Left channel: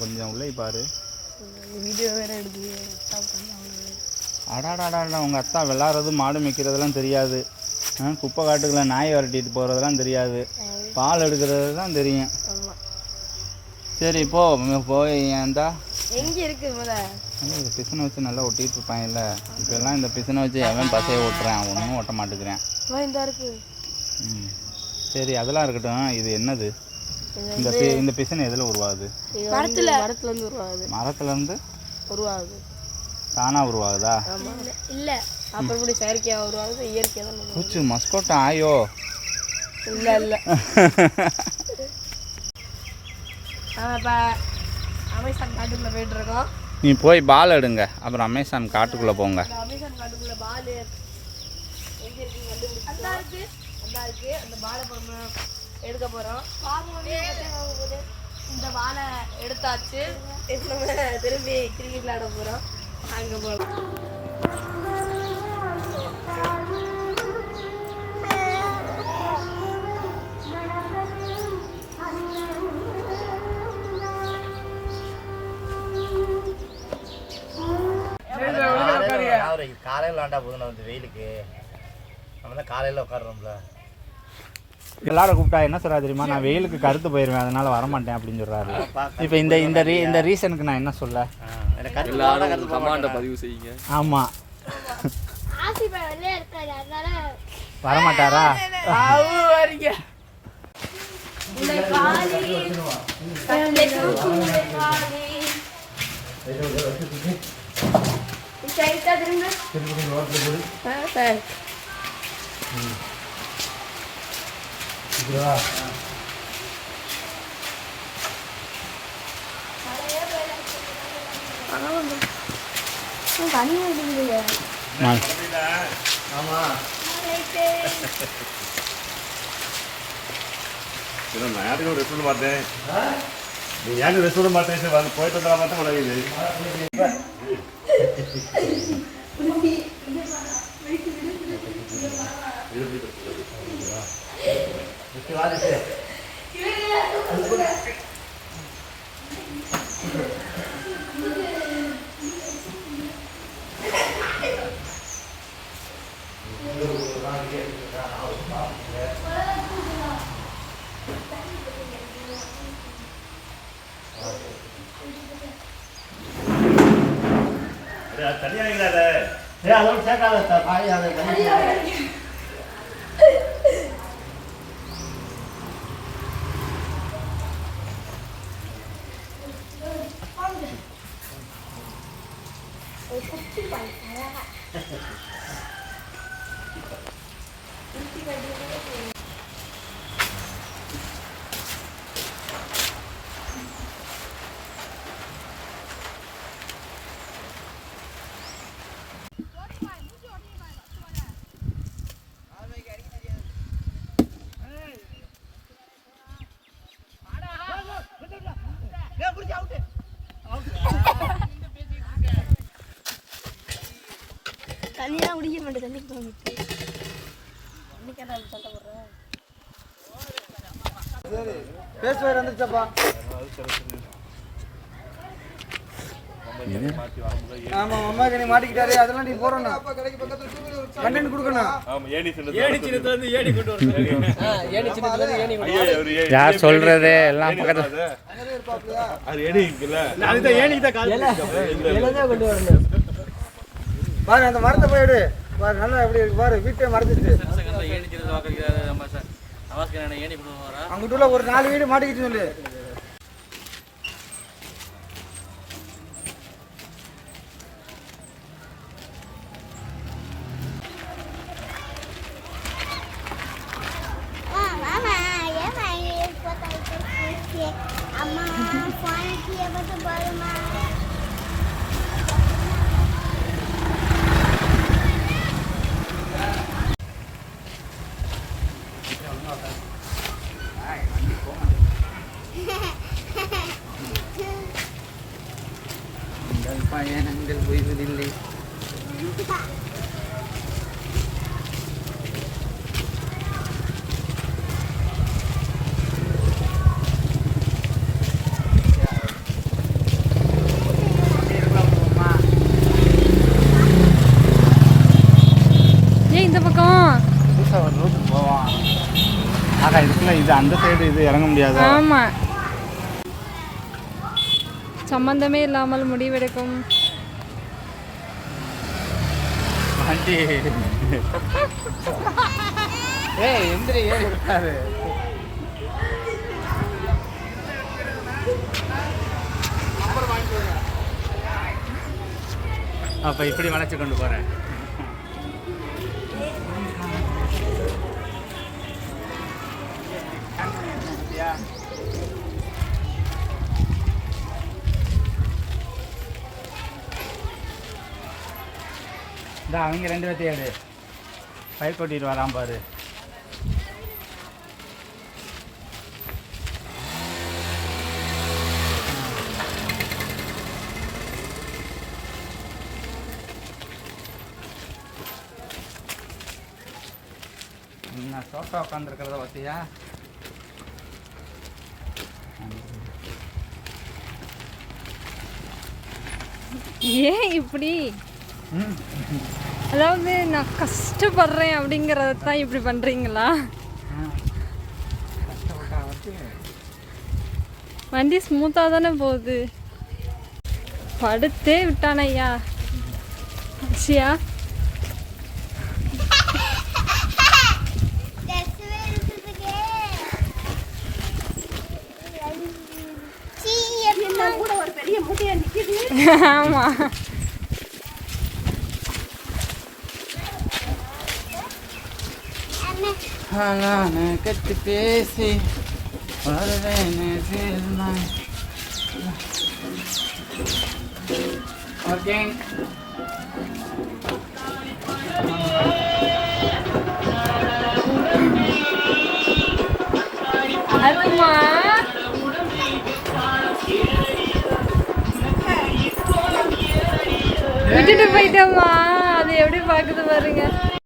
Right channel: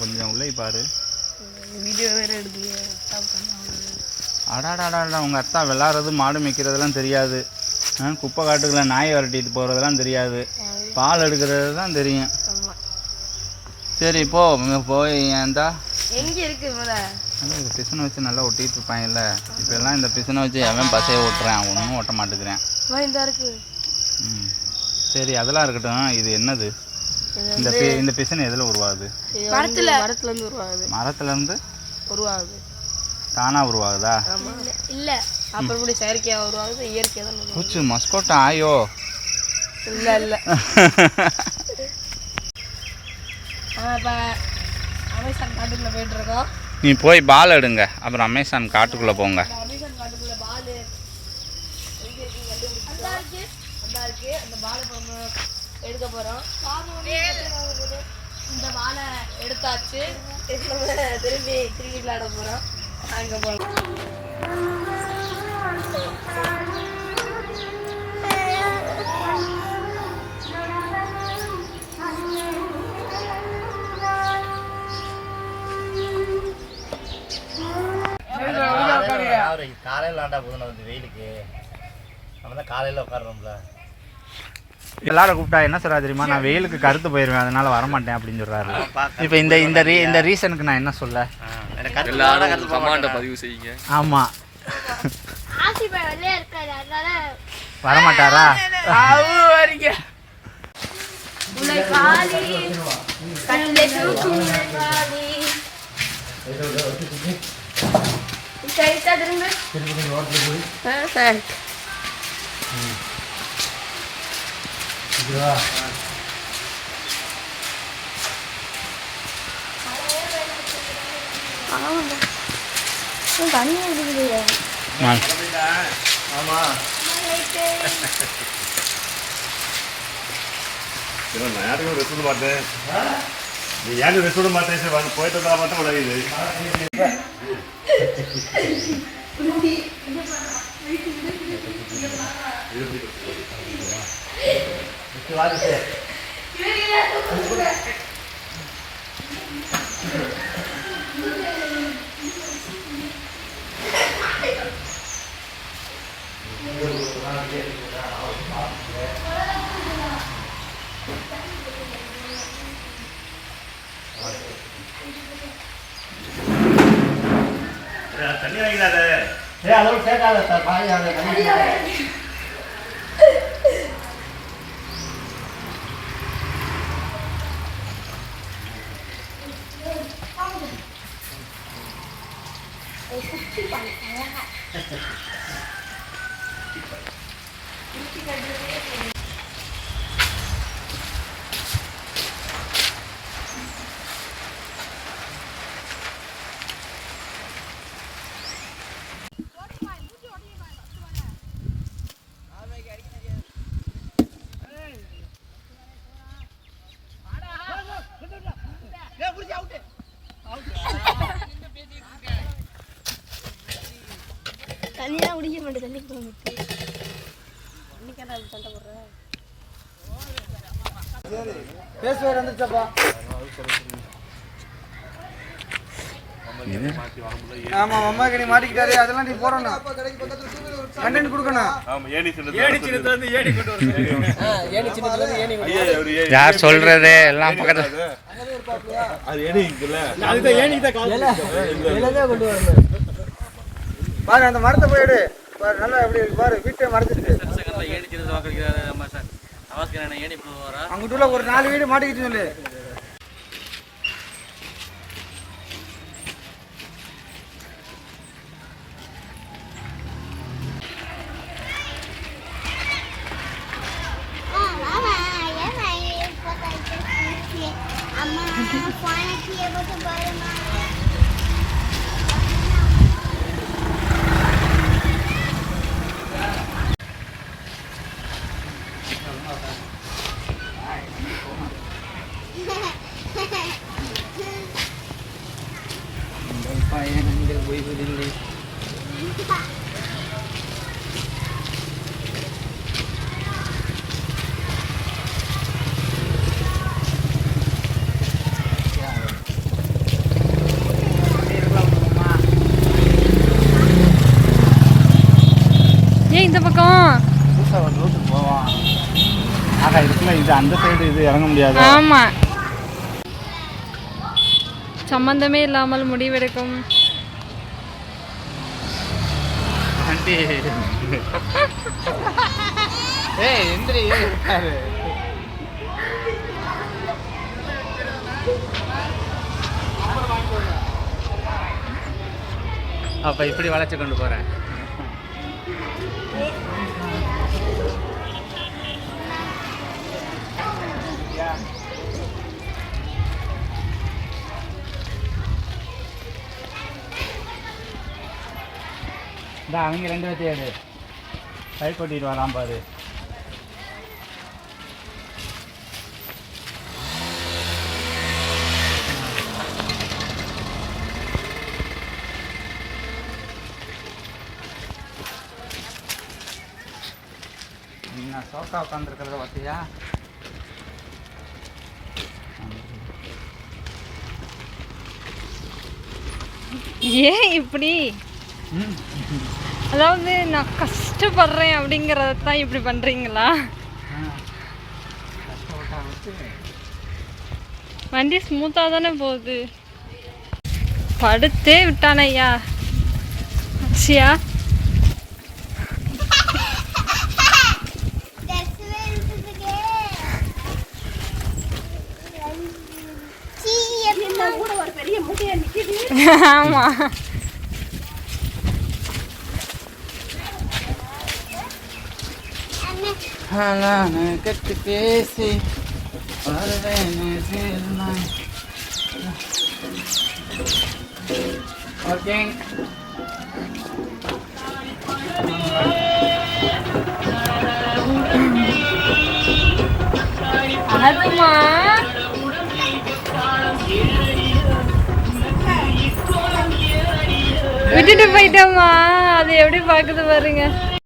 கொஞ்சம் உள்ளே பாரு. வீடியோ வேறு எடுக்குது. அடாடாடா உங்கள் அத்தா விளாட்றது மாடு மேய்க்கிறதுலாம் தெரியாது. குப்பை காட்டுக்குள்ள நாய் விரட்டிட்டு போகிறதெல்லாம் தெரியாது. பால் எடுக்கிறது தான் தெரியும். சரி போய் ஏன்டா எங்கே இருக்குது இந்த பிசனை வச்சு நல்லா ஒட்டிகிட்டு இருப்பாங்கல்ல. இப்போ எல்லாம் இந்த பிசனை வச்சு எவன் பசையை ஓட்டுறேன், ஒன்றும் ஓட்ட மாட்டேங்கிறேன். சரி அதெல்லாம் இருக்கட்டும். இது என்னது? இந்த பிசனை எதில் உருவாகுது? மரத்துலேருந்து உருவாகுது. மரத்துலேருந்து உருவாகுது. தானாக உருவாகுதா? இல்லை அப்புறம் இப்படி செயற்கையாக உருவாகுது. இயற்கையாக தான் பூச்சி மஸ்கோட்டா ஆயோ? இல்லை இல்லை. இப்போ அமேசான் காட்டுக்குள்ளே போயிட்டுருக்கோம். நீ போய் பால் எடுங்க, அப்புறம் அமேசான் காட்டுக்குள்ளே போங்க. அமேசான் காட்டுக்குள்ளே பால் எங்கே இருக்குன்னு கண்டுபிடிச்சி அந்த இருக்குது. அந்த பாலை எடுக்க போகிறோம். இந்த வாழை எடுத்தாச்சு. திரும்பி கிரிக்கெட் விளையாட போகிறோம். அங்கே போகிறோம். காலையில் விளாண்டா போதும். வந்து வெயிலுக்கு நம்ம தான் காலையில் உட்காடுறோம்ல. எல்லாரும் கூப்பிட்டா என்ன சொல்கிறா தெரியுமா? நான் வெயிலுக்கு கருத்து போயிடுவேன், அதனால் வரமாட்டேன் அப்படின்னு சொல்கிறாரு. இப்போ இந்த ரீசனுக்கு நான் என்ன சொல்ல? பதிவு செய்யுங்க. ஆமாம் வரமாட்டாரா? நான் ரெஸ்ட் விட மாட்டேன். நீ ஏங்க ரெஸ்ட் விட மாட்டேன். சரி வந்து போயிட்டு வந்தா மட்டும் உடனே தண்ணி வாங்கிடாத. அதோட சேர்க்காத காய். தண்ணியெல்லாம் குடிக்க மாட்டேன். தண்ணி தோணுச்சு. பேசுவார் வந்துருச்சப்பா. ஆமா அம்மாக்கு நீ மாட்டிக்கிட்டாரு. அதெல்லாம் நீ போறணும். கண்டென்ட் கொடுக்கணும். யார் சொல்றது? எல்லாம் பக்கத்துல பாரு அந்த மரத்தை போயிடு. பாரு நல்லா எப்படி பாரு. வீட்டை மறைச்சிட்டு அங்கிட்டுள்ள ஒரு 4 வீடு மாட்டிக்கிட்டு சொல்லு. பயணங்கள் ஓய்வதில்லை. இல்லை இது அந்த சைடு இது இறங்க முடியாது. ஆமா, சம்பந்தமே இல்லாமல் முடிவெடுக்கும். ஆண்டி ஏய் எந்திரி இருக்காரு. அப்போ இப்படி வளைச்சு கொண்டு போகிறேன். இந்த அவங்க 2 பேர்த்தையும் எடு. பயிர் கொட்டிட்டு வரான் பாரு. நான் சோஃபா உட்காந்துருக்கிறத பார்த்தியா? ஏன் இப்படி? அதாவது நான் கஷ்டப்படுறேன் அப்படிங்கறத தான் இப்படி பண்றீங்களா? வண்டி ஸ்மூத்தா தானே போகுது. படுத்தே விட்டான ஐயா. அக்ஷயா ஆமா, கட்டு பேசி ஒர்க்கிங். விட்டுட்டு போயிட்டோமா, அது எப்படி பாக்குது பாருங்க.